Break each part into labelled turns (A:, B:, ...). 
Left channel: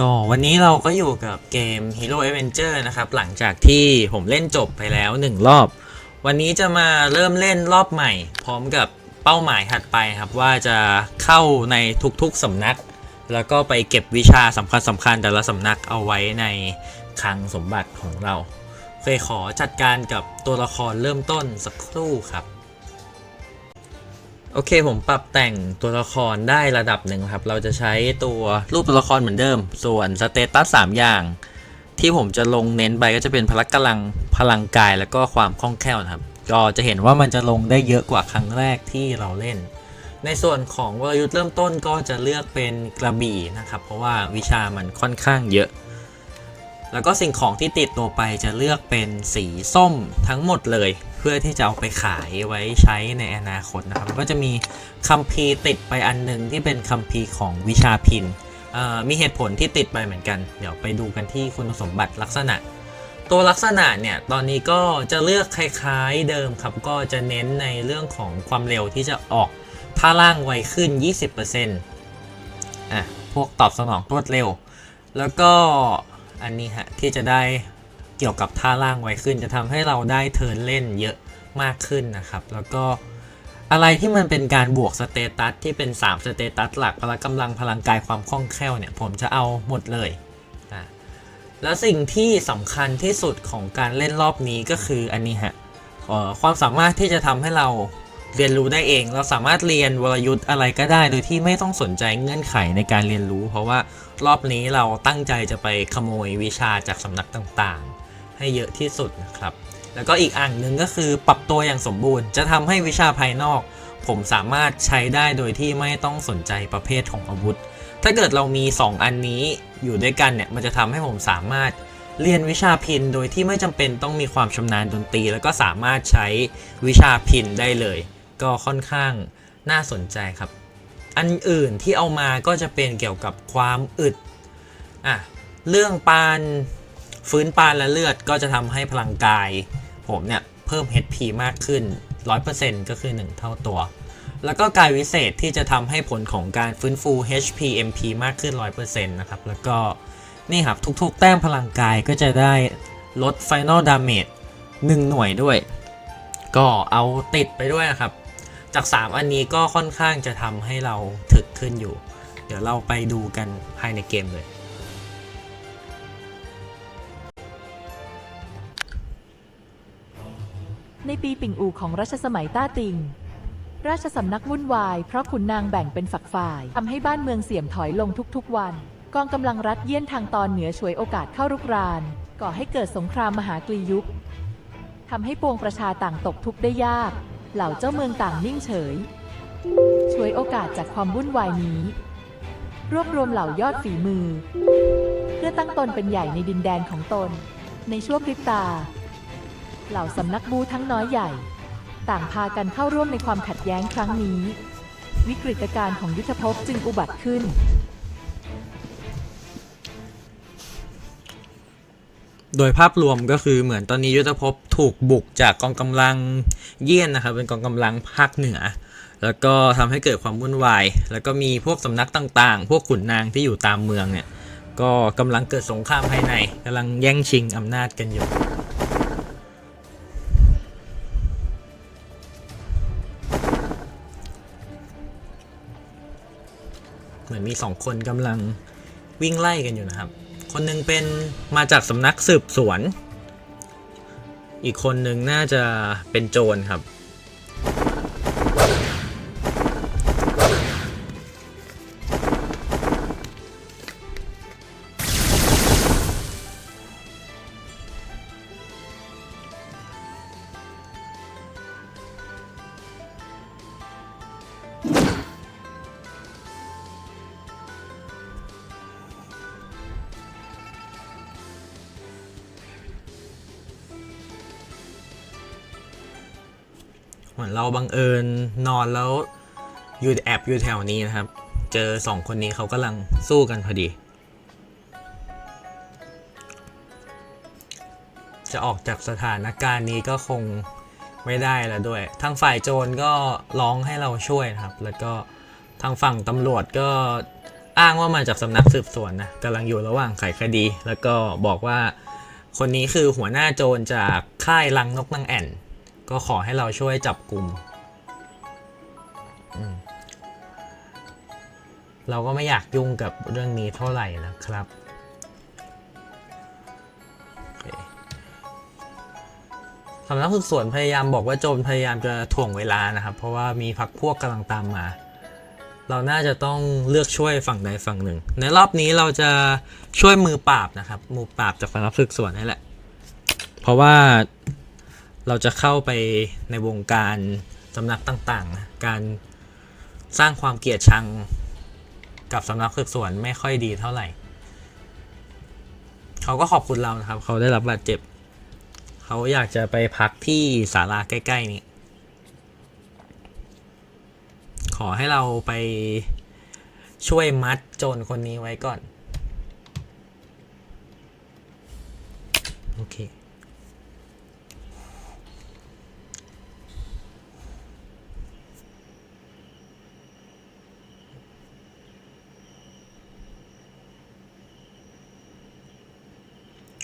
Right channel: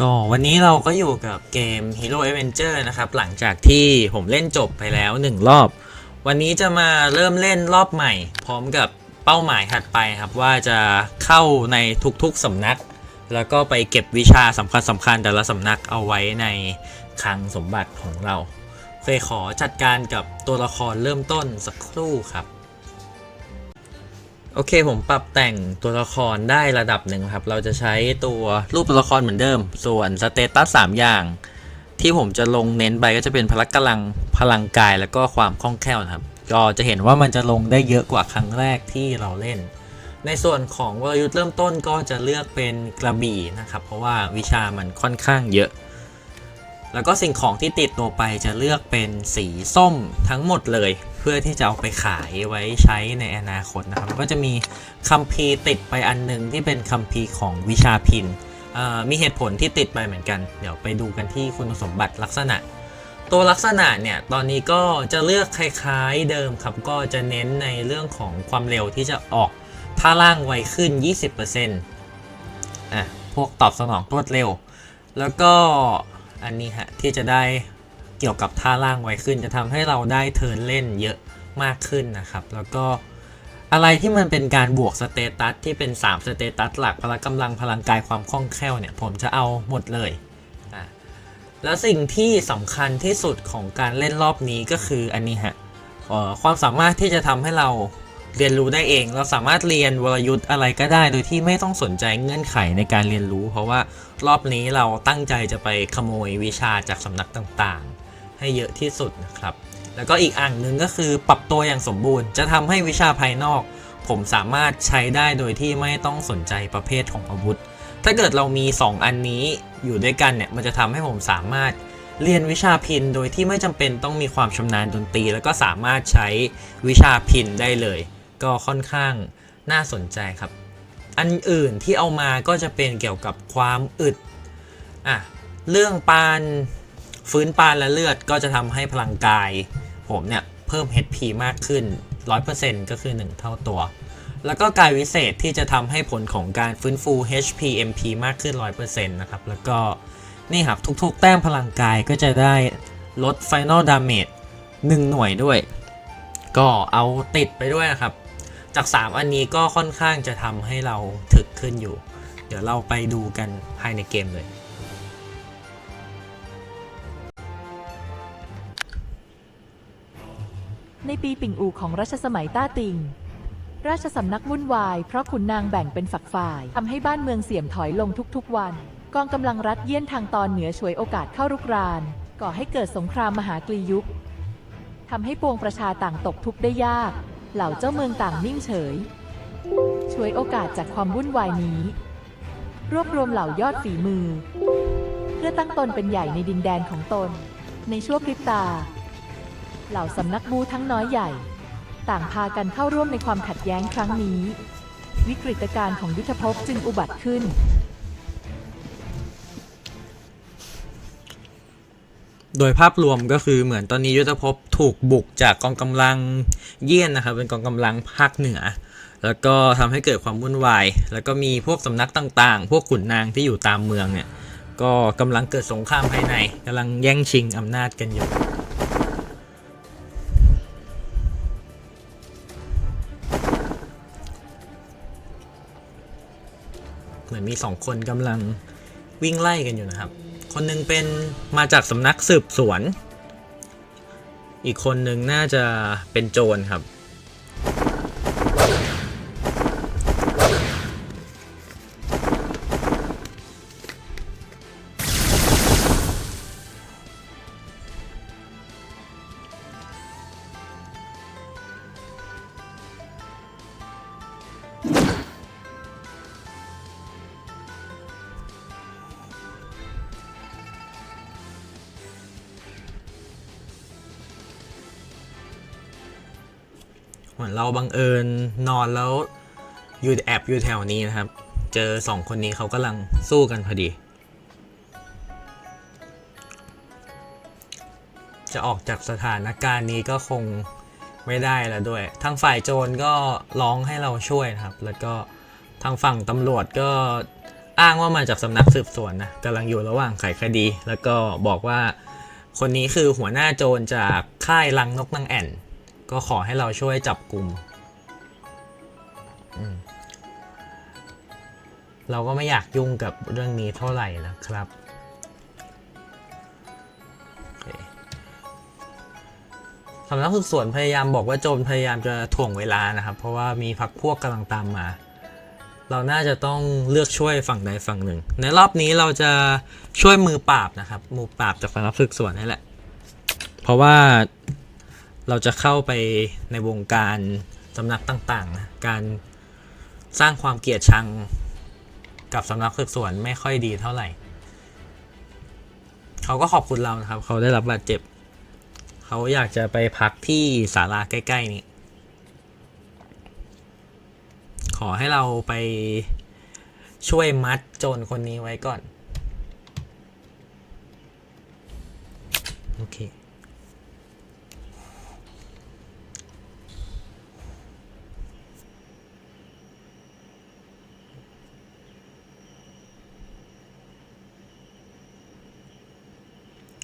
A: ก็วันนี้เราก็อยู่กับเกม Hero Avenger นะครับ หลังจากที่ผมเล่นจบไปแล้วหนึ่งรอบ วันนี้จะมาเริ่มเล่นรอบใหม่ พร้อมกับเป้าหมายถัดไปครับ ว่าจะเข้าในทุกๆสำนัก แล้วก็ไปเก็บวิชาสำคัญสำคัญๆแต่ละสำนักเอาไว้ในคลังสมบัติของเราเคยขอจัดการกับตัวละครเริ่มต้นสักครู่ครับ โอเคผมปรับแต่งตัวละครได้ระดับหนึ่งครับ เราจะใช้ตัวรูปตัวละครเหมือนเดิม ส่วนสเตตัสสามอย่าง ที่ผมจะลงเน้นไปก็จะเป็นพละกำลังพลังกายแล้วก็ความคล่องแคล่วนะครับ ก็จะเห็นว่ามันจะลงได้เยอะกว่าครั้งแรกที่เราเล่น ในส่วนของวรยุทธ์เริ่มต้นก็จะเลือกเป็นกระบี่นะครับ เพราะว่าวิชามันค่อนข้างเยอะ แล้วก็สิ่งของที่ติดตัวไปจะเลือกเป็นสีส้มทั้งหมดเลย เพื่อที่จะเอาไปขายไว้ใช้ในอนาคตนะครับ ก็จะมีคัมภีร์ติดไปอันหนึ่งที่เป็นคัมภีร์ของวิชาพินมีเหตุผลที่ติดไปเหมือนกัน เดี๋ยวไปดูกันที่คุณสมบัติลักษณะ ตัวลักษณะเนี่ย ตอนนี้ก็จะเลือกคล้ายๆเดิมครับ ก็จะเน้นในเรื่องของความเร็วที่จะออกท่าล่างไวขึ้น 20%อะ พวกตอบสนองรวดเร็ว แล้วก็ อันนี้ฮะที่จะได้เกี่ยวกับท่าล่างไวขึ้น จะทำให้เราได้เทิร์นเล่นเยอะมากขึ้นนะครับ แล้วก็อะไรที่มันเป็นการบวกสเตตัสที่เป็น 3 สเตตัสหลักพละกำลังพลังกายความคล่องแคล่วเนี่ยผมจะเอาหมดเลยอะและสิ่งที่สำคัญที่สุดของการเล่นรอบนี้ก็คืออันนี้ฮะความสามารถที่จะทำให้เรา เรียนรู้ได้เอง เราสามารถเรียนวรยุทธ์อะไรก็ได้ โดยที่ไม่ต้องสนใจเงื่อนไขในการเรียนรู้ เพราะว่ารอบนี้เราตั้งใจจะไปขโมยวิชาจากสำนักต่างๆ ให้เยอะที่สุดนะครับ แล้วก็อีกอันหนึ่งก็คือปรับตัวอย่างสมบูรณ์ จะทำให้วิชาภายนอก ผมสามารถใช้ได้โดยที่ไม่ต้องสนใจประเภทของอาวุธ ถ้าเกิดเรามี 2 อันนี้อยู่ด้วยกันเนี่ยมันจะทำให้ผมสามารถเรียนวิชาพินโดยที่ไม่จำเป็นต้องมีความชำนาญดนตรี แล้วก็สามารถใช้วิชาพินได้เลย ก็ค่อนข้างน่าสนใจครับ อันอื่นที่เอามาก็จะเป็นเกี่ยวกับความอึดอะเรื่องปานฟื้นปานและเลือดก็จะทำให้พลังกาย ผมเนี่ย เพิ่ม HP มากขึ้น 100%ก็คือ 1 เท่าตัว แล้วก็กายวิเศษที่จะทำให้ผลของการฟื้นฟู HP MP มากขึ้น 100%นะครับ แล้วก็นี่ครับ ทุกๆ แต้มพลังกายก็จะได้ลด Final Damage 1 หน่วยด้วย ก็เอาติดไปด้วยนะครับ จาก 3 อันนี้ก็ค่อนข้างจะทำให้เราถึกขึ้นอยู่ เดี๋ยวเราไปดูกันภายในเกมเลย
B: ในปีปิ่งอูของรัชสมัยต้าติง ราชสำนักวุ่นวายเพราะขุนนางแบ่งเป็นฝักฝ่ายทำให้บ้านเมืองเสี่ยมถอยลงทุกๆวัน กองกำลังรัฐเยี่ยนทางตอนเหนือฉวยโอกาสเข้ารุกราน ก่อให้เกิดสงครามมหากรียุคทำให้ปวงประชาต่างตกทุกข์ได้ยาก เหล่าเจ้าเมืองต่างนิ่งเฉยฉวยโอกาสจากความวุ่นวายนี้ รวบรวมเหล่ายอดฝีมือ เพื่อตั้งตนเป็นใหญ่ในดินแดนของตน ในชั่วพริบตา เหล่าสำนักบูทั้งน้อยใหญ่ ต่างพากันเข้าร่วมในความขัดแย้งครั้งนี้ วิกฤตการณ์ของยุทธภพจึงอุบัติขึ้น
A: โดยภาพรวมก็คือเหมือนตอนนี้ยุทธภพถูกบุกจากกองกำลังเยี่ยนนะครับ เป็นกองกำลังภาคเหนือ แล้วก็ทำให้เกิดความวุ่นวาย แล้วก็มีพวกสำนักต่างๆ พวกขุนนางที่อยู่ตามเมืองเนี่ย ก็กำลังเกิดสงครามภายในกำลังแย่งชิงอำนาจกันอยู่เหมือนมีสองคนกำลังวิ่งไล่กันอยู่นะครับ คนหนึ่งเป็นมาจากสำนักสืบสวน อีกคนหนึ่งน่าจะเป็นโจรครับ เหมือนเราบังเอิญนอนแล้วอยู่แอบอยู่แถวนี้นะครับ เจอสองคนนี้เขากำลังสู้กันพอดี จะออกจากสถานการณ์นี้ก็คงไม่ได้แล้วด้วย ทางฝ่ายโจรก็ร้องให้เราช่วยนะครับ แล้วก็ทางฝั่งตำรวจก็อ้างว่ามาจากสำนักสืบสวนนะกำลังอยู่ระหว่างไขคดี แล้วก็บอกว่าคนนี้คือหัวหน้าโจรจากค่ายลังนกนางแอ่น ก็ขอให้เราช่วยจับกลุ่มอืมเราก็ไม่อยากยุ่งกับเรื่องนี้เท่าไหร่นะครับโอเคสำนักสืบสวนพยายามบอกว่าโจรพยายามจะถ่วงเวลานะครับ เพราะว่ามีพักพวกกำลังตามมา เราน่าจะต้องเลือกช่วยฝั่งใดฝั่งหนึ่ง ในรอบนี้เราจะช่วยมือปราบนะครับ มือปราบจากสำนักสืบสวนนี่แหละ เพราะว่า เราจะเข้าไปในวงการสำนักต่างๆ การสร้างความเกลียดชังกับสำนักสืบสวนไม่ค่อยดีเท่าไหร่ เขาก็ขอบคุณเรานะครับ เขาได้รับบาดเจ็บ เขาอยากจะไปพักที่ศาลาใกล้ ๆ นี้ ขอให้เราไปช่วยมัดโจรคนนี้ไว้ก่อน โอเค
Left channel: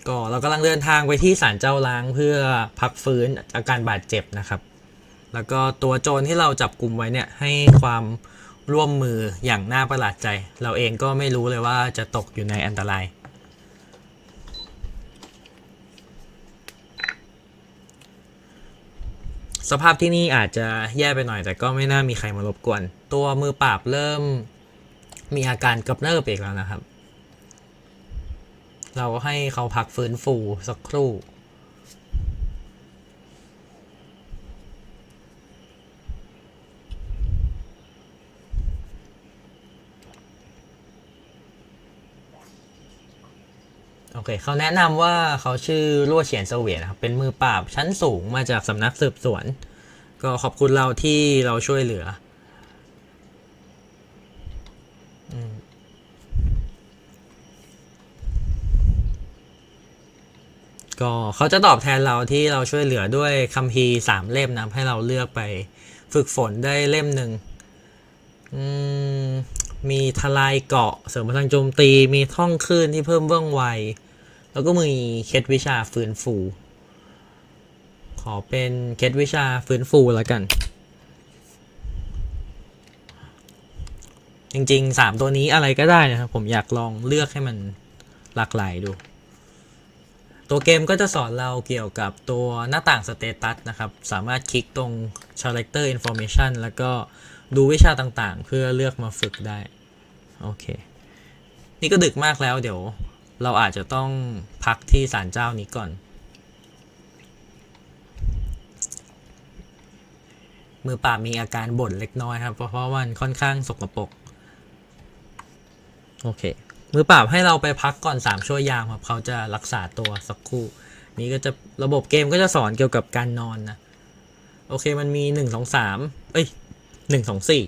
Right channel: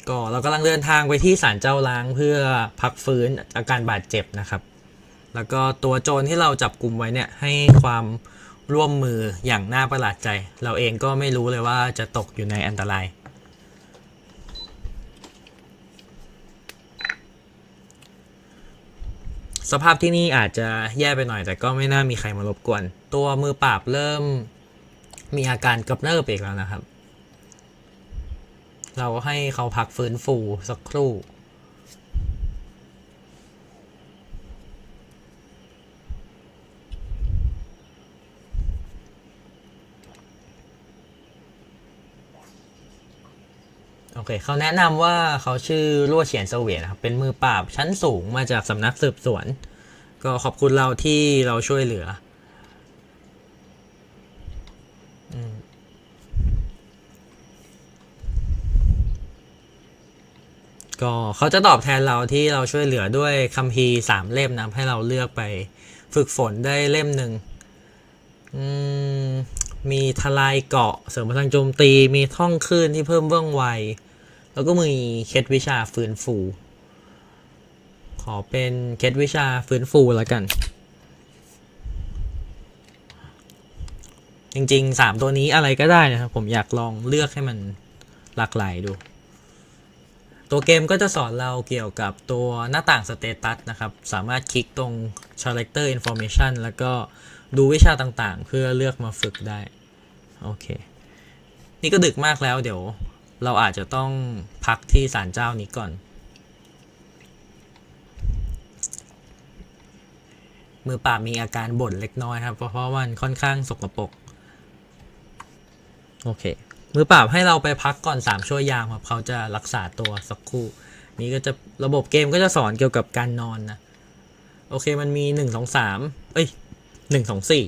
A: ก็เรากำลังเดินทางไปที่ศาลเจ้าล้างเพื่อพักฟื้นอาการบาดเจ็บนะครับ แล้วก็ตัวโจรที่เราจับกลุ่มไว้เนี่ยให้ความร่วมมืออย่างน่าประหลาดใจ เราเองก็ไม่รู้เลยว่าจะตกอยู่ในอันตราย สภาพที่นี่อาจจะแย่ไปหน่อยแต่ก็ไม่น่ามีใครมารบกวน ตัวมือปราบเริ่มมีอาการกำเริบอีกแล้วนะครับ เราก็ให้เขาพักฟื้นฟูสักครู่โอเคเขาแนะนำว่าเขาชื่อลั่วเฉียนเสวียนะครับ เป็นมือปราบชั้นสูงมาจากสำนักสืบสวน ก็ขอบคุณเราที่เราช่วยเหลือ ก็เขาจะตอบแทนเราที่เราช่วยเหลือด้วยคัมภีร์สามเล่มนะให้เราเลือกไปฝึกฝนได้เล่มหนึ่งมมีทลายเกาะเสริมพลังโจมตีมีท่องคลื่นที่เพิ่มว่องไว แล้วก็มีเคล็ดวิชาฟื้นฟู ขอเป็นเคล็ดวิชาฟื้นฟูแล้วกัน จริงๆสามตัวนี้อะไรก็ได้นะครับ ผมอยากลองเลือกให้มันหลากหลายดู ตัวเกมก็จะสอนเราเกี่ยวกับตัวหน้าต่างสเตตัสนะครับ สามารถคลิกตรง Character Information แล้วก็ดูวิชาต่างๆ เพื่อเลือกมาฝึกได้ โอเค นี่ก็ดึกมากแล้วเดี๋ยวเราอาจจะต้องพักที่ศาลเจ้านี้ก่อน มือป่ามีอาการบ่นเล็กน้อยครับ เพราะว่ามันค่อนข้างสกปรกโอเค มือปราให้เราไปพักก่อนสามชั่วยามครับเขาจะรักษาตัวสักครู่ นี้ก็จะระบบเกมก็จะสอนเกี่ยวกับการนอนนะ โอเคมันมีหนึ่งสองสามเอ้ยหนึ่งสองสี่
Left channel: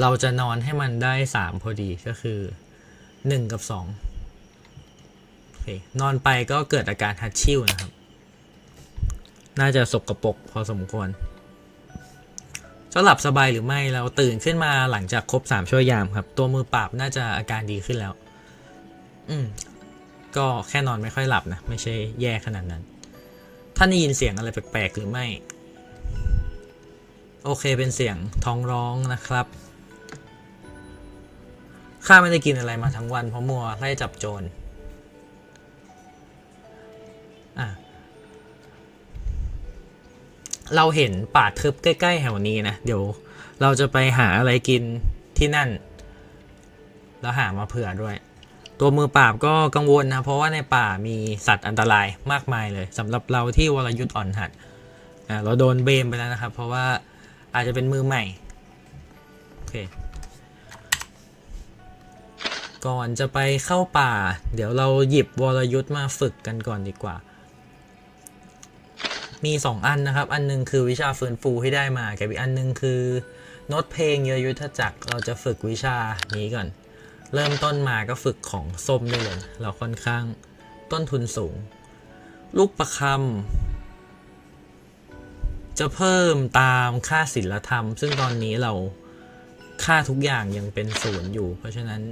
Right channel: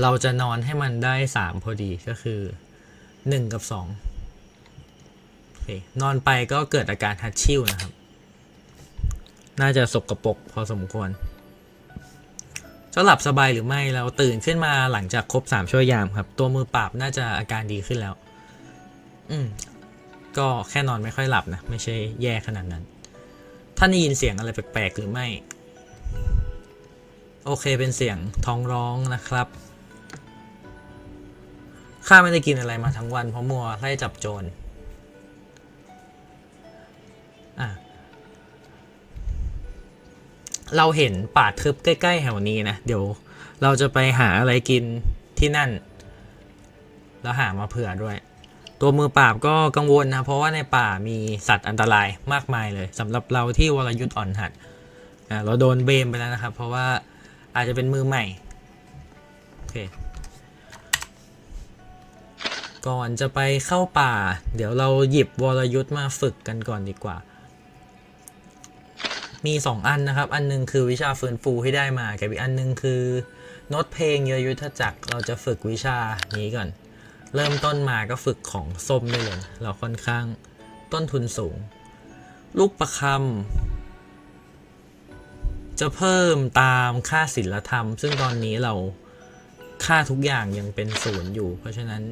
A: เราจะนอนให้มันได้สามพอดีก็คือหนึ่งกับสองโอเคนอนไปก็เกิดอาการฮัตชิวนะครับ น่าจะสกรปรกพอสมควร จะหลับสบายหรือไม่เราตื่นขึ้นมาหลังจากครบสามชั่วยามครับ ตัวมือปราบน่าจะอาการดีขึ้นแล้ว อืม ก็แค่นอนไม่ค่อยหลับนะ ไม่ใช่แย่ขนาดนั้น ท่านได้ยินเสียงอะไรแปลกๆหรือไม่ โอเคเป็นเสียงท้องร้องนะครับข้าไม่ได้กินอะไรมาทั้งวันเพราะมัวไล่จับโจร เราเห็นป่าทึบใกล้ๆแถวนี้นะเดี๋ยวเราจะไปหาอะไรกินที่นั่น แล้วหามาเผื่อด้วย ตัวมือปราบก็กังวลนะเพราะว่าในป่ามีสัตว์อันตรายมากมายเลยสำหรับเราที่วรยุทธ์อ่อนหัดอะเราโดนเบมไปแล้วนะครับ เพราะว่าอาจจะเป็นมือใหม่โอเคก่อนจะไปเข้าป่า เดี๋ยวเราหยิบวรยุทธ์มาฝึกกันก่อนดีกว่า มีสองอันนะครับ อันหนึงคือวิชาฟื้นฟูที่ได้มากับอีกอันหนึงคือโน้ตเพลงเยอะยุทธจักรเราจะฝึกวิชานี้ก่อน เริ่มต้นมาก็ฝึกของส้มได้เลยเราค่อนข้างต้นทุนสูง ลูกประคำจะเพิ่มตามค่าศิลธรรม ซึ่งตอนนี้เราค่าทุกอย่างยังเป็นศูนย์อยู่ เพราะฉะนั้น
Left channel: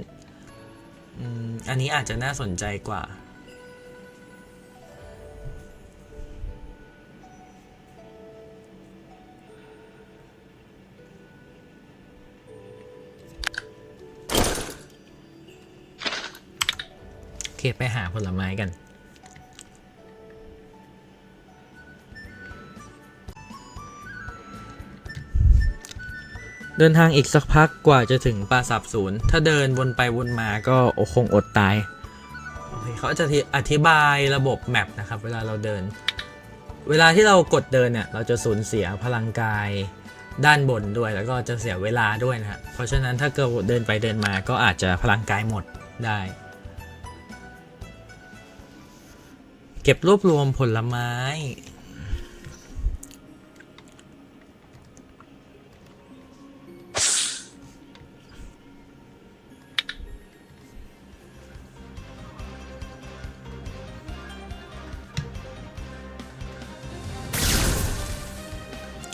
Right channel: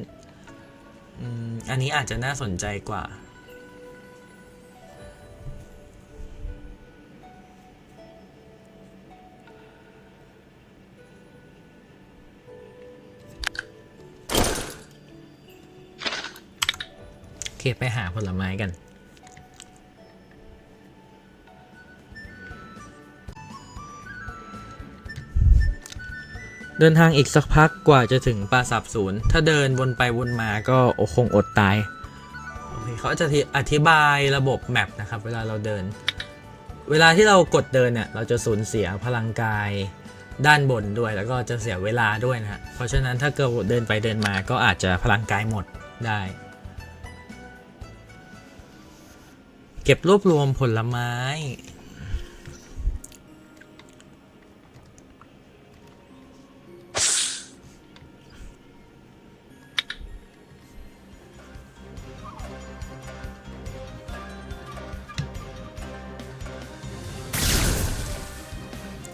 A: อันนี้อาจจะน่าสนใจกว่า เคไปหาผลไม้กัน เดินทางอีกสักพักกว่าจะถึงปราสาทศูนย์ ถ้าเดินวนไปวนมาก็โอคงอดตาย เขาจะอธิบายระบบแมปนะครับ เวลาเราเดิน เวลาที่เรากดเดินเนี่ย เราจะสูญเสียพลังกายด้านบนด้วยแล้วก็จะเสียเวลาด้วยนะเพราะฉะนั้นถ้าเกิดเดินไปเดินมาก็อาจจะพลังกายหมดได้ เก็บรวบรวมผลไม้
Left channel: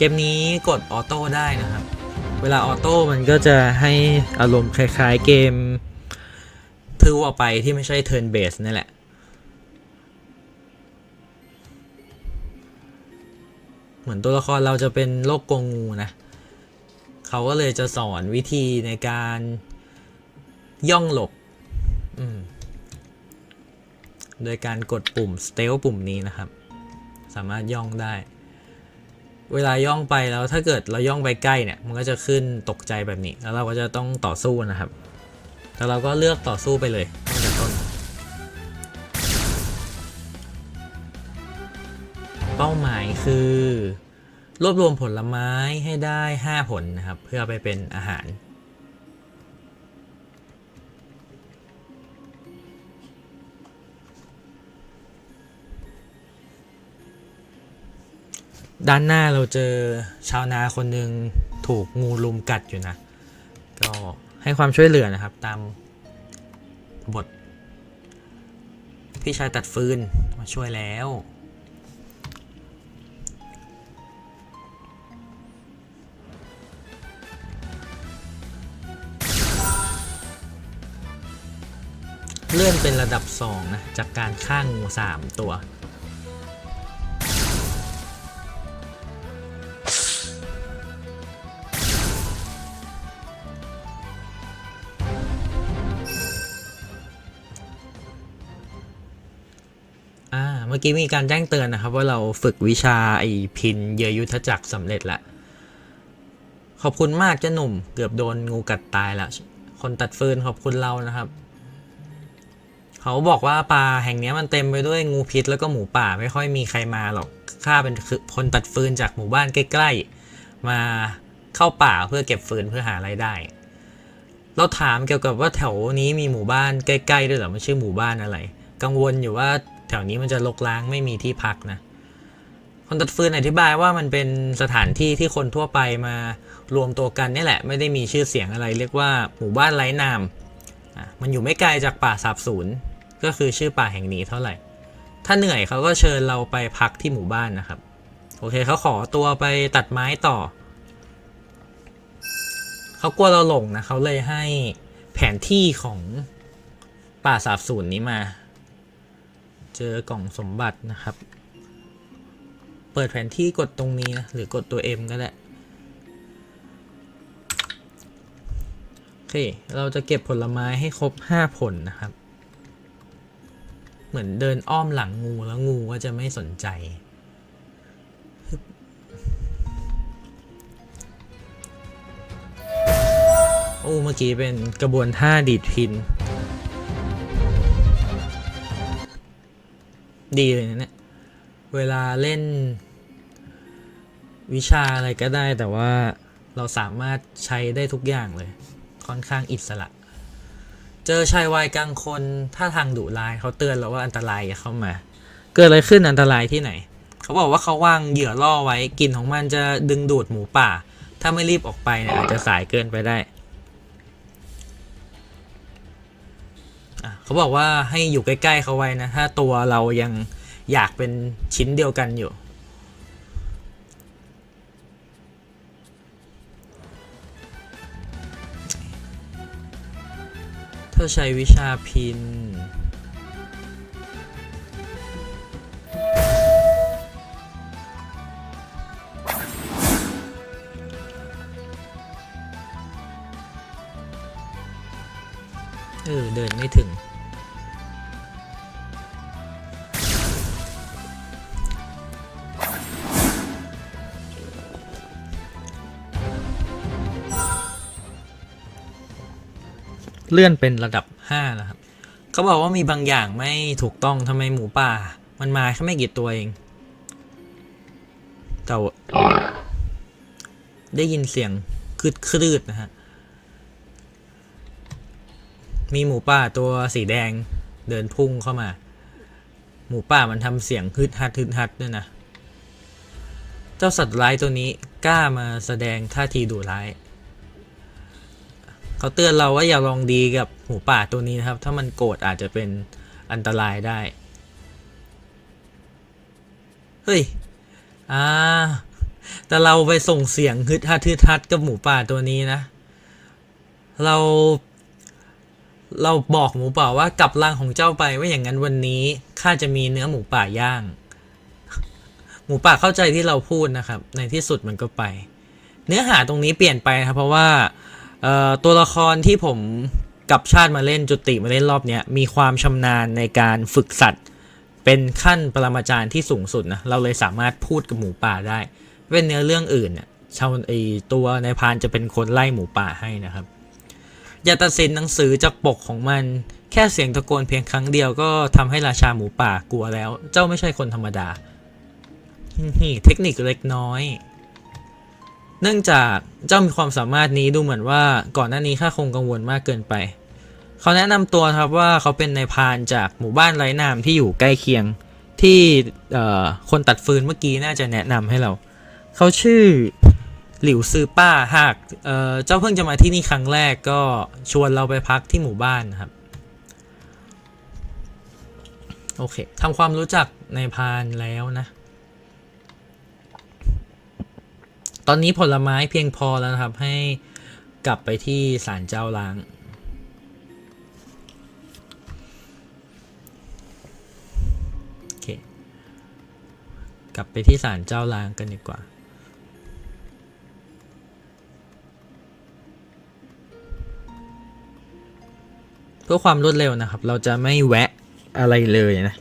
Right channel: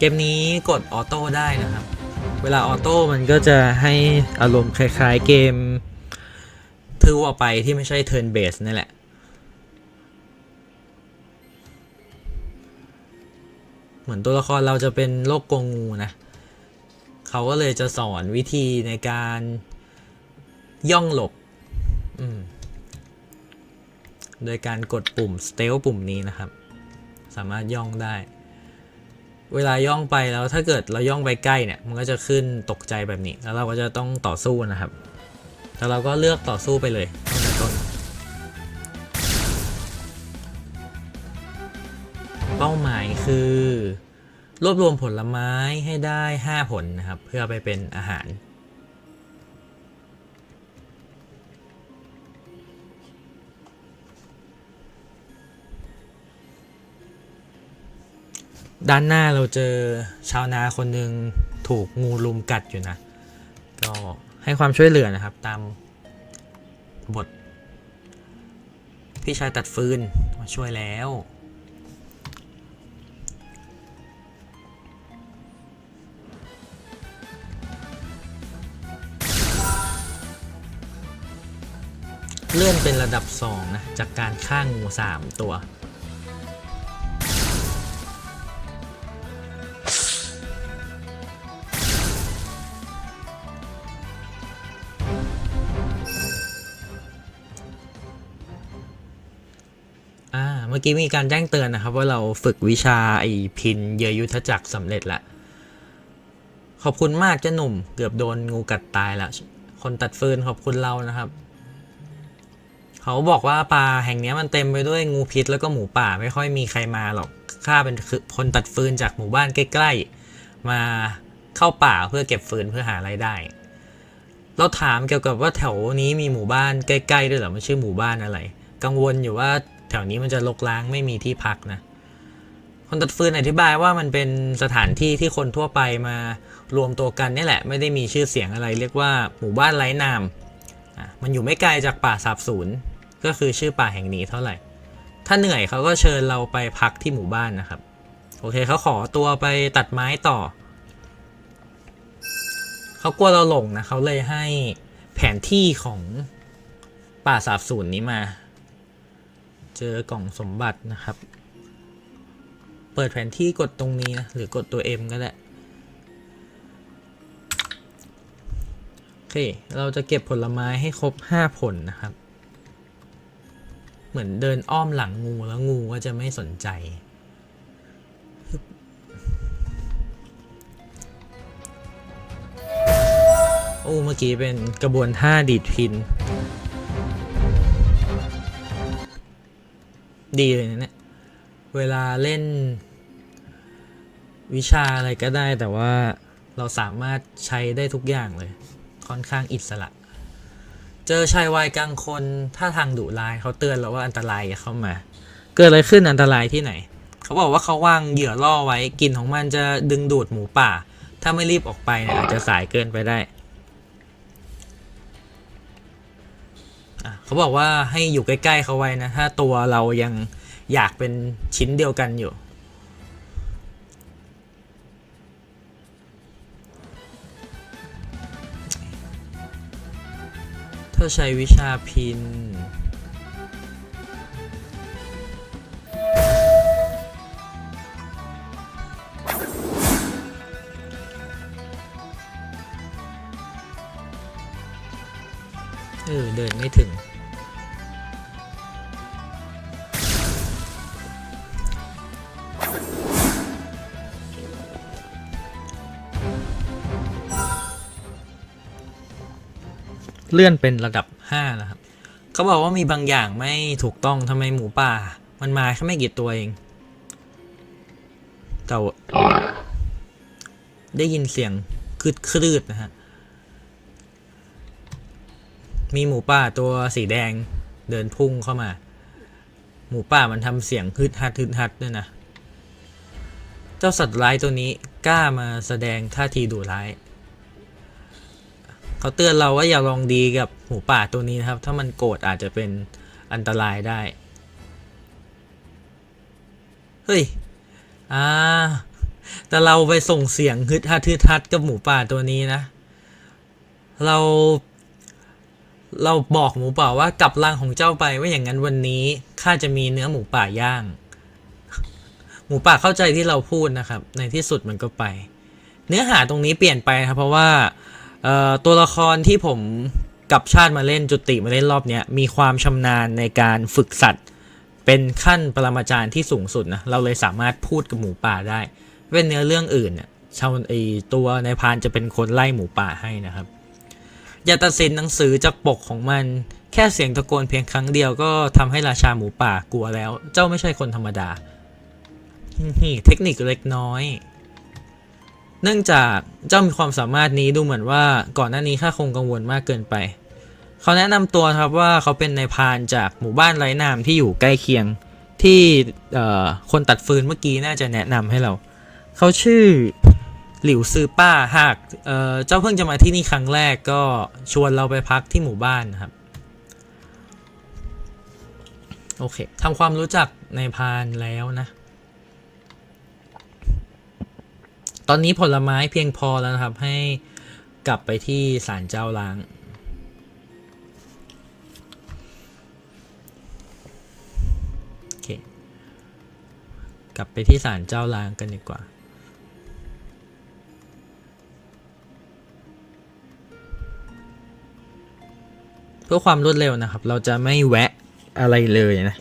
A: เกมนี้กดออโต้ได้นะครับ เวลาออโต้มันก็จะให้อารมณ์คล้ายๆเกมทั่วไปที่ไม่ใช่เทิร์นเบสนี่แหละ เหมือนตัวละครเราจะเป็นโลกกงงูนะเขาก็เลยจะสอนวิธีในการย่องหลบโดยการกดปุ่ม stealth ปุ่มนี้นะครับ สามารถย่องได้ เวลาย่องไปแล้วถ้าเกิดเราย่องไปใกล้เนี่ย มันก็จะขึ้นตกใจแบบนี้ แล้วเราก็จะต้องต่อสู้นะครับ แล้วเราก็เลือกต่อสู้ไปเลย รวบรวมผลไม้ให้ได้ 5 ผลนะครับ เพื่อไปเป็นอาหาร ด้านหน้าเราเจอชาวนาคนหนึ่งถูกงูลุมกัดอยู่นะ ก็ให้ความช่วยเหลือนะครับ ตามบทพี่ชายตัดฟืนมาช่วยแล้ว ลื่อนเป็นระดับ 2 นะ จากการฆ่างู3 ตัวอ่าเมื่อกี้มีการแจ้งเตือนนะครับ ว่าเราฝึกวิชาไอพินเยยุทธจักรสำเร็จแล้วขอบคุณมากเจ้าหนุ่ม เกือบโดนงูกัดตายละคนตัดฟืนขอบคุณเรานะครับ เขาบอกว่าป่าแห่งนี้มันเต็มไปด้วยงูพิษแล้วก็หมูป่าไม่ค่อยมีใครมาหรอกข้าเป็นคือคนตัดฟืนจากหมู่บ้านใกล้ๆ มาเข้าป่าเพื่อเก็บฟืนเพื่อหารายได้ เราถามเกี่ยวกับว่าแถวนี้มีหมู่บ้านใกล้ๆด้วยหรอมันชื่อหมู่บ้านอะไร กังวลอยู่ว่าแถวนี้มันจะรกร้างไม่มีที่พักนะคนตัดฟืนอธิบายว่ามันเป็นสถานที่ที่คนทั่วไปมารวมตัวกันนี่แหละ ไม่ได้มีชื่อเสียงอะไร เรียกว่าหมู่บ้านไร้นามอะมันอยู่ไม่ไกลจากป่าสาบสูญ ก็คือชื่อป่าแห่งนี้เท่าไหร่ ถ้าเหนื่อยเขาก็เชิญเราไปพักที่หมู่บ้านนะครับ โอเคเขาขอตัวไปตัดไม้ต่อ เขากลัวเราหลงนะเขาเลยให้แผนที่ของป่าสาบสูญนี้มา เจอกล่องสมบัตินะครับ เปิดแผนที่กดตรงนี้นะหรือกดตัว M ก็ได้โอเค เราจะเก็บผลไม้ให้ครบ 5 ผลนะครับ เหมือนเดินอ้อมหลังงูแล้วงูก็จะไม่สนใจ โอ้เมื่อกี้เป็นกระบวนท่าดีดพิน ดีเลยนะเนี่ย เวลาเล่น วิชาอะไรก็ได้แต่ว่าเราสามารถใช้ได้ทุกอย่างเลย ค่อนข้างอิสระ เจอชายวัยกลางคนท่าทางดุร้ายเขาเตือนเราว่าอันตรายเข้ามา เกิดอะไรขึ้นอันตรายที่ไหน เขาบอกว่าเขาวางเหยื่อล่อไว้กลิ่นของมันจะดึงดูดหมูป่า ถ้าไม่รีบออกไปนี่ยอาจะสายเกินไปได้เขาบอกว่าให้อยู่ใกล้ๆเขาไว้นะ ถ้าตัวเรายังอยากเป็นชิ้นเดียวกันอยู่ ถ้าใช้วิชาพิน เลื่อนเป็นระดับ 5 นะครับเขาบอกว่ามีบางอย่างไม่ถูกต้องทำไมหมูป่า มันมาแค่ไม่กี่ตัวเองแต่ว่าได้ยินเสียงคืดคลืดนะฮะ มีหมูป่าตัวสีแดงเดินพุ่งเข้ามา หมูป่ามันทำเสียงฮึดฮัดฮึดฮัดด้วยนะ เจ้าสัตว์ร้ายตัวนี้กล้ามาแสดงท่าทีดุร้าย เขาเตือนเราว่าอย่าลองดีกับหมูป่าตัวนี้นะครับ ถ้ามันโกรธอาจจะเป็นอันตรายได้ เฮ้ย อ่า แต่เราไปส่งเสียงฮึดฮัดฮึดฮัดกับหมูป่าตัวนี้นะ เรา เราบอกหมูป่าว่ากลับรังของเจ้าไปว่าอย่างนั้นวันนี้ข้าจะมีเนื้อหมูป่าย่าง หมูป่าเข้าใจที่เราพูดนะครับ ในที่สุดมันก็ไป เนื้อหาตรงนี้เปลี่ยนไปครับเพราะว่า เอ่อตัวละครที่ผมกับชาติมาเล่นจุติมาเล่นรอบเนี้ยมีความชำนาญในการฝึกสัตว์ เป็นขั้นปรมาจารย์ที่สูงสุดนะเราเลยสามารถพูดกับหมูป่าได้เป็นเนื้อเรื่องอื่นเนี่ยชาวไอตัวในพานจะเป็นคนไล่หมูป่าให้นะครับ อย่าตัดสินหนังสือจากปกของมันแค่เสียงตะโกนเพียงครั้งเดียวก็ทำให้ราชาหมูป่ากลัวแล้ว เจ้าไม่ใช่คนธรรมดา เทคนิคเล็กน้อย เนื่องจากเจ้ามีความสามารถนี้ดูเหมือนว่าก่อนหน้านี้ข้าคงกังวลมากเกินไป เขาแนะนำตัวครับว่าเขาเป็นนายพานจากหมู่บ้านไร้นามที่อยู่ใกล้เคียงที่คนตัดฟืนเมื่อกี้น่าจะแนะนำให้เรา เขาชื่อหลิวซือป้าหากเเจ้าเพิ่งจะมาที่นี่ครั้งแรกก็ชวนเราไปพักที่หมู่บ้านครับโอเคทำความรู้จักนายพานแล้วนะ ตอนนี้ผลไม้เพียงพอแล้วนะครับ ให้กลับไปที่ศาลเจ้าล้าง กลับไปที่ศาลเจ้าล้างกันดีกว่าเพื่อความรวดเร็วนะครับ เราจะไม่แวะอะไรเลยนะ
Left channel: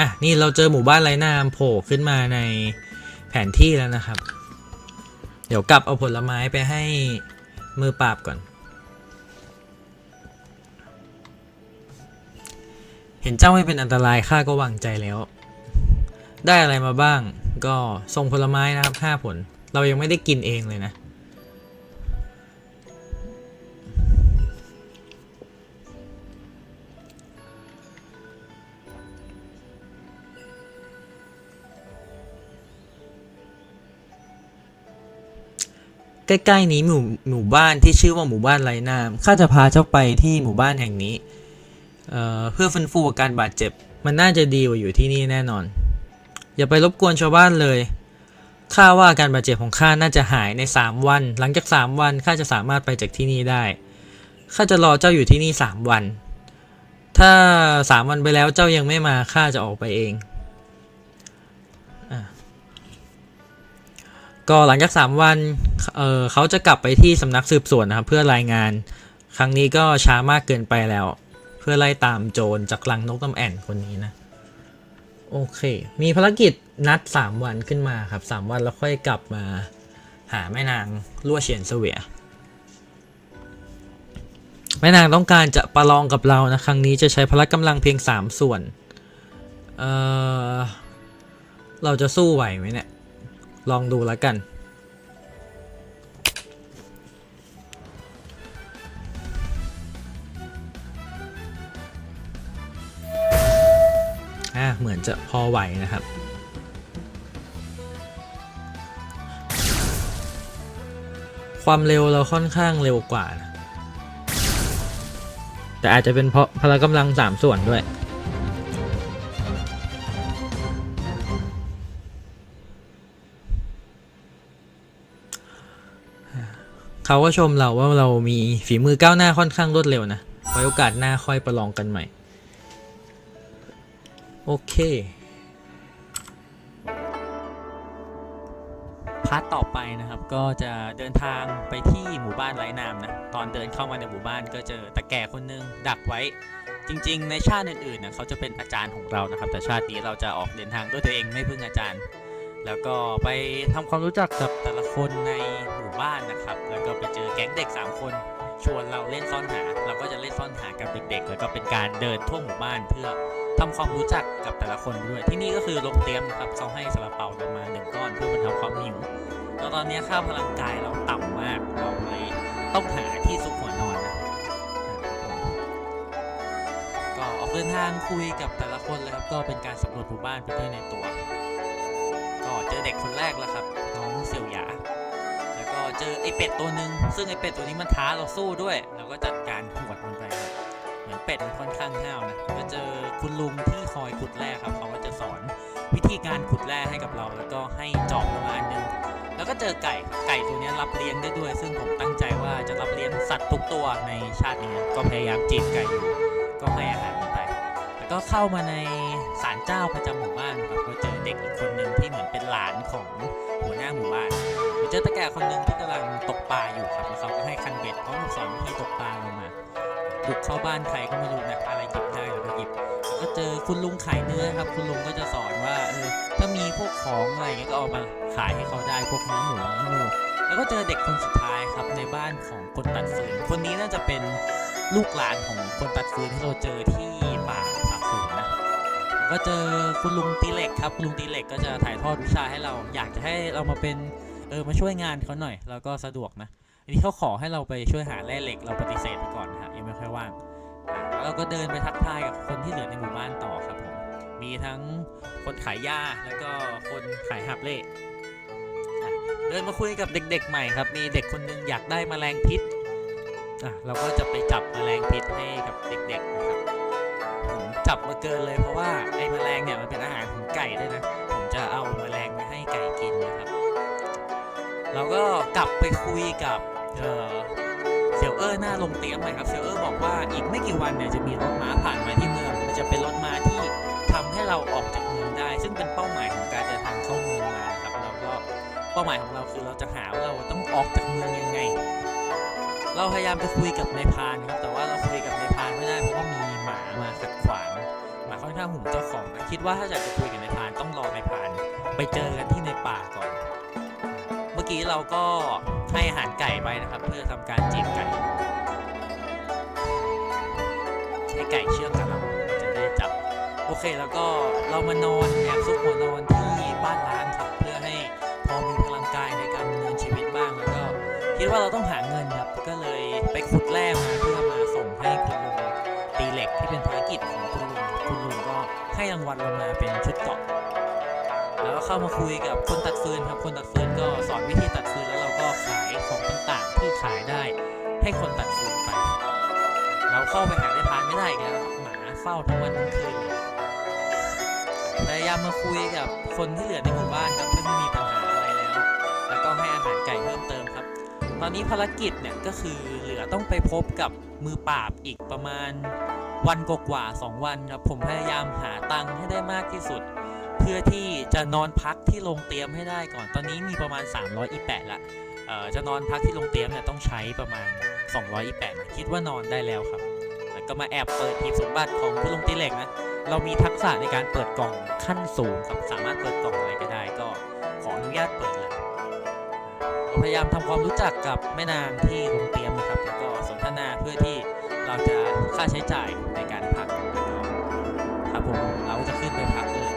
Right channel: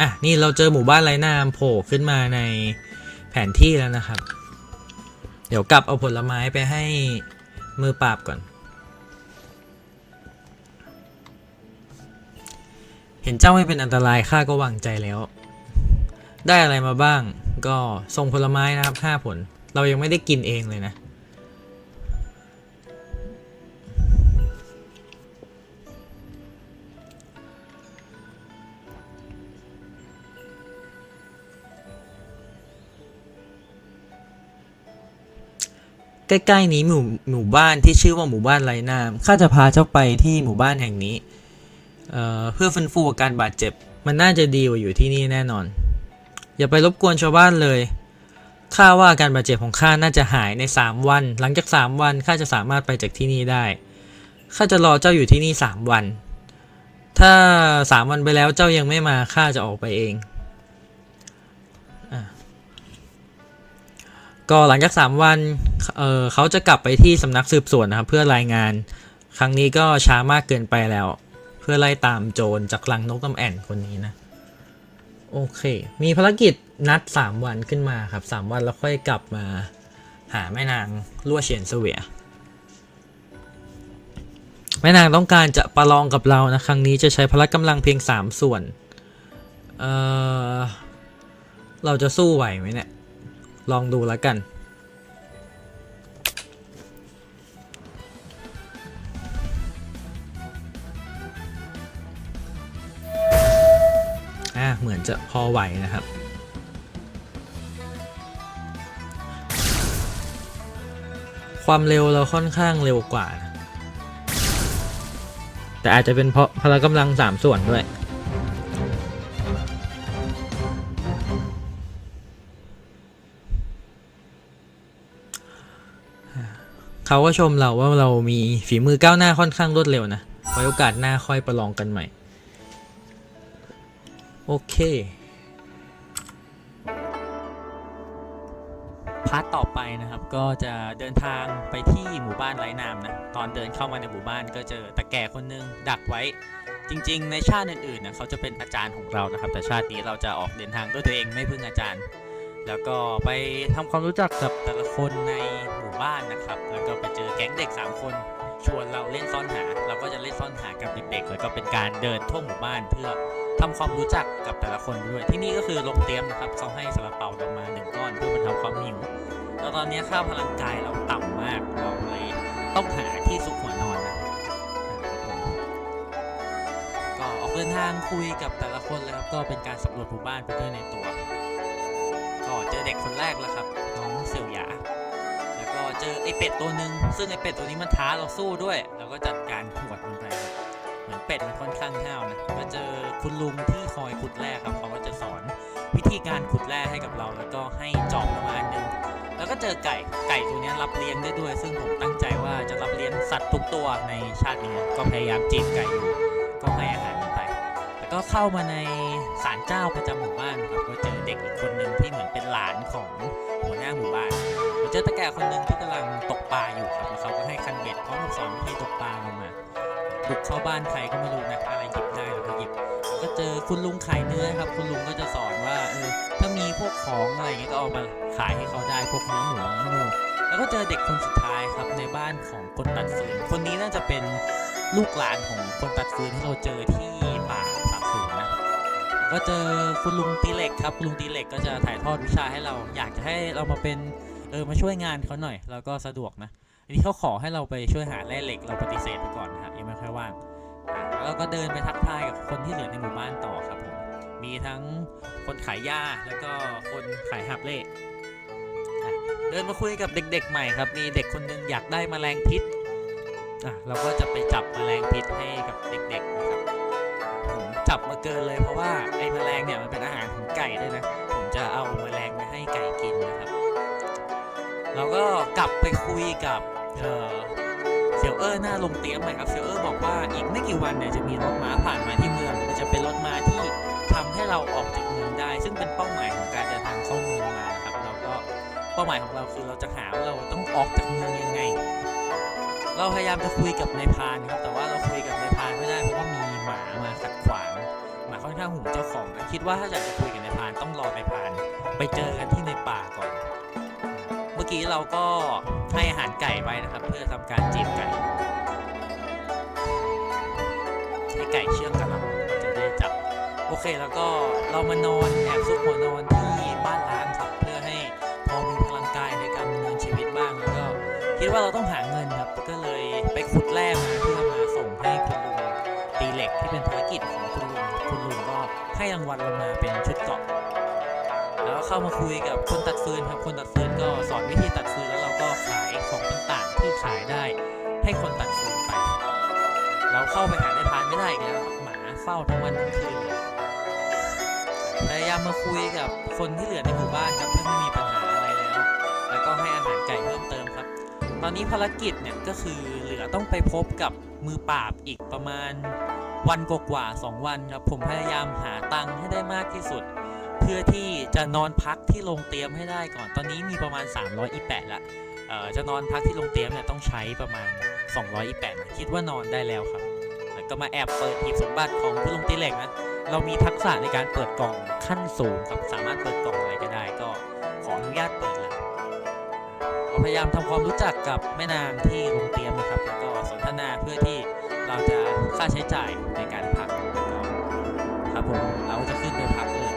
A: อะนี่เราเจอหมู่บ้านไร้นามโผล่ขึ้นมาในแผนที่แล้วนะครับ เดี๋ยวกลับเอาผลไม้ไปให้มือปราบก่อน เห็นเจ้าไม่เป็นอันตรายข้าก็วางใจแล้ว ได้อะไรมาบ้าง ก็ส่งผลไม้นะครับห้าผล เรายังไม่ได้กินเองเลยนะ ใกล้ๆนี้หมู่หมู่บ้านที่ชื่อว่าหมู่บ้านไรนามข้าจะพาเจ้าไปที่หมู่บ้านแห่งนี้เอ่อเพื่อฟื้นฟูอาการบาดเจ็บ มันน่าจะดีกว่าอยู่ที่นี่แน่นอน อย่าไปรบกวนชาวบ้านเลยข้าว่าอาการบาดเจ็บของข้าน่าจะหายในสามวัน หลังจากสามวันข้าจะสามารถไปจากที่นี่ได้ข้าจะรอเจ้าอยู่ที่นี่สามวัน ถ้าสามวันไปแล้วเจ้ายังไม่มาข้าจะออกไปเอง ก็หลังจากสามวันเเขาจะกลับไปที่สำนักสืบสวนนะครับเพื่อรายงาน ครั้งนี้ก็ช้ามากเกินไปแล้ว เพื่อไล่ตามโจรจากลังนกน้ำแอ่นคนนี้นะ โอเค มีภารกิจนัดสามวันขึ้นมาครับสามวันแล้วค่อยกลับมาหาแม่นางลั่วเฉียนเสวียแม่นางต้องการจะประลองกับเรานะ ครั้งนี้จะใช้พละกำลังเพียงสามส่วน เออเราจะสู้ไหวไหมเนี่ย ลองดูแล้วกันอ่าเหมือนจะพอไหวนะครับ ความเร็วเราค่อนข้างเร็วกว่า แต่อาจจะเป็นเพราะพละกำลังสามส่วนด้วย เขาก็ชมเราว่าเรามีฝีมือก้าวหน้าค่อนข้างรวดเร็วนะไว้โอกาสหน้าค่อยประลองกันใหม่ โอเคพาร์ทต่อไปนะครับก็จะเดินทางไปที่หมู่บ้านไร้น้ำนะ ตอนเดินเข้ามาในหมู่บ้านก็เจอตาแก่คนนึงดักไว้ จริง ๆ ในชาติอื่นๆนะเขาจะเป็นอาจารย์ของเรานะครับ แต่ชาตินี้เราจะออกเดินทางด้วยตัวเองไม่พึ่งอาจารย์ แล้วก็ไปทำความรู้จักกับแต่ละคนในหมู่บ้านนะครับ แล้วก็ไปเจอแก๊งเด็กสามคนชวนเราเล่นซ่อนหาเราก็จะเล่นซ่อนหากับเด็กๆแล้วก็เป็นการเดินทั่วหมู่บ้านเพื่อทำความรู้จักกับแต่ละคนด้วยที่นี่ก็คือโรงเตรียมนะครับเขาให้ซาลาเปาเรามาหนึ่งก้อนเพื่อมาทำความหิวแล้วตอนนี้ค่าพลังกายเราต่ำมากบอกเลยต้องหาที่ซุกหัวนอนก็ออกเดินทางคุยกับแต่ละคนแล้วก็เป็นการสำรวจหมู่บ้านไปด้วยในตัว ไอเป็ดตัวหนึ่งซึ่งไอเป็ดตัวนี้มันท้าเราสู้ด้วยเราก็จัดการหวดมันไปเหมือนเป็ดมันค่อนข้างห้าวนะก็เจอคุณลุงที่คอยขุดแร่ครับเขาก็จะสอนวิธีการขุดแร่ให้กับเราแล้วก็ให้จอบประมาณนึงแล้วก็เจอไก่ไก่ตัวนี้รับเลี้ยงได้ด้วย ซึ่งผมตั้งใจว่าจะรับเลี้ยงสัตว์ทุกตัวในชาตินี้ก็พยายามจีบไก่ก็ให้อาหารมันไปแล้วก็เข้ามาในศาลเจ้าประจำหมู่บ้านก็เจอเด็กอีกคนหนึ่งที่เหมือนเป็นหลานของหัวหน้าหมู่บ้านเจอตะแก่คนหนึ่ง ใครก็ไม่รู้นะอะไรหยิบได้แล้วก็หยิบก็เจอคุณลุงขายเนื้อครับ คุณลุงก็จะสอนว่าเออถ้ามีพวกของอะไรก็เอามาขายให้เขาได้พวกเนื้อหมูเนื้อหมูแล้วก็เจอเด็กคนสุดท้ายครับในบ้านของคนตัดฟืนคนนี้น่าจะเป็นลูกหลานของคนตัดฟืนที่เราเจอที่ป่าสามสูนนก็เจอคุณลุงตีเหล็กครับลุงตีเหล็กก็จะถ่ายทอดวิชาให้เรา อยากจะให้เรามาเป็นเออมาช่วยงานเขาหน่อย แล้วก็สะดวกนะอันนี้เขาขอให้เราไปช่วยหาแร่เหล็กเราปฏิเสธไปก่อน เราก็เดินไปทักทายกับคนที่เหลือในหมู่บ้านต่อครับผมมีทั้งคนขายหญ้าแล้วก็คนขายหับเล่เดินมาคุยกับเด็ก ๆ ใหม่ครับ มีเด็กคนหนึงอยากได้แมลงพิษเราก็จะไปจับแมลงพิษให้กับเด็กๆนะครับผมจับมาเกินเลยเพราะว่าไอ้แมลงเนี่ยมันเป็นอาหารของไก่ด้วยนะผมจะเอาแมลงไปให้ไก่กินนะครับเราก็กลับไปคุยกับ ซียวเออร์หน้าโรงเตรียมเลยครับเซียวเออร์บอกว่าอีกไม่กี่วันเนี่ยจะมีรถม้าผ่านมาที่เมืองจะเป็นรถม้าที่ทำให้เราออกจากเมืองได้ ซึ่งเป็นเป้าหมายของการเดินทางเข้าเมืองมาครับแล้วก็เป้าหมายของเราคือเราจะหาว่าเราต้องออกจากเมืองยังไง เราพยายามจะคุยกับนายพานครับแต่ว่าเราคุยกับนายพานไม่ได้เพราะว่ามีหมามาขัดขวางหมาค่อนข้างหูเจ้าของนะคิดว่าถ้าจะคุยกับนายพานต้องรอนายพานไปเจอกันที่ในป่าก่อน เมื่อกี้เราก็ให้อาหารไก่ไว้นะครับเพื่อทำการจีบไก่ ไก่เชื่องกับเราจะได้จับ โอเคแล้วก็เรามานอนแอบซุกหัวนอนที่บ้านร้างครับเพื่อให้พอมีพลังกายในการดำเนินชีวิตบ้างแล้วก็คิดว่าเราต้องหาเงินครับก็เลยไปขุดแร่มาเพื่อมาส่งให้คุณลุงตีเหล็กที่เป็นภารกิจของคุณลุงคุณลุงก็ให้รางวัลเรามาเป็นชุดเกาะแล้วก็เข้ามาคุยกับคนตัดาเฝ้าทั้งวันทั้งคืนพยายามมาคุยกับคนที่เหลือในหมู่บ้านครับที่ไม่มีปัญหาอะไรแล้วแล้วก็ให้อาหารไก่เพิ่มเติมครับ ตอนนี้ภารกิจเนี่ยก็คือเหลือต้องไปพบกับมือปราบอีกประมาณวันกว่าๆสองวันครับผมพยายามหาตังค์ให้ได้มากที่สุด เพื่อที่จะนอนพักที่โรงเตรียมให้ได้ก่อน ตอนนี้มีประมาณ 328ละเอ่อจะนอนพักที่โรงเตรียมเนี่ยต้องใช้ประมาณ 228คิดว่านอนได้แล้วครับ ก็มาแอบเปิดหีบสมบัติของผู้ลงตีเหล็กนะเรามีทักษะในการเปิดกล่องขั้นสูงครับสามารถเปิดกล่องอะไรก็ได้ก็ขออนุญาตเปิดแล้วพยายามทำความรู้จักกับแม่นางที่โรงเตรียมนะครับแล้วก็สนทนาเพื่อที่เราจะค่าใช้จ่ายในการพักครับผมเราจะขึ้นไปพักเลย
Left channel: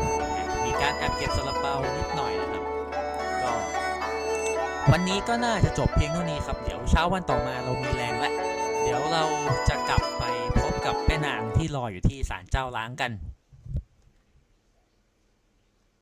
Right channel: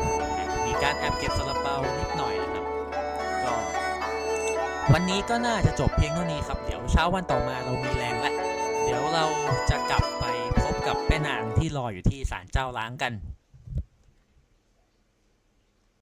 A: มีการแอบเก็บซาลาเปานิดหน่อยนะครับก็วันนี้ก็น่าจะจบเพียงเท่านี้ครับเดี๋ยวเช้าวันต่อมาเรามีแรงแล้วเดี๋ยวเราจะกลับ ที่รออยู่ที่ศาลเจ้าล้างกัน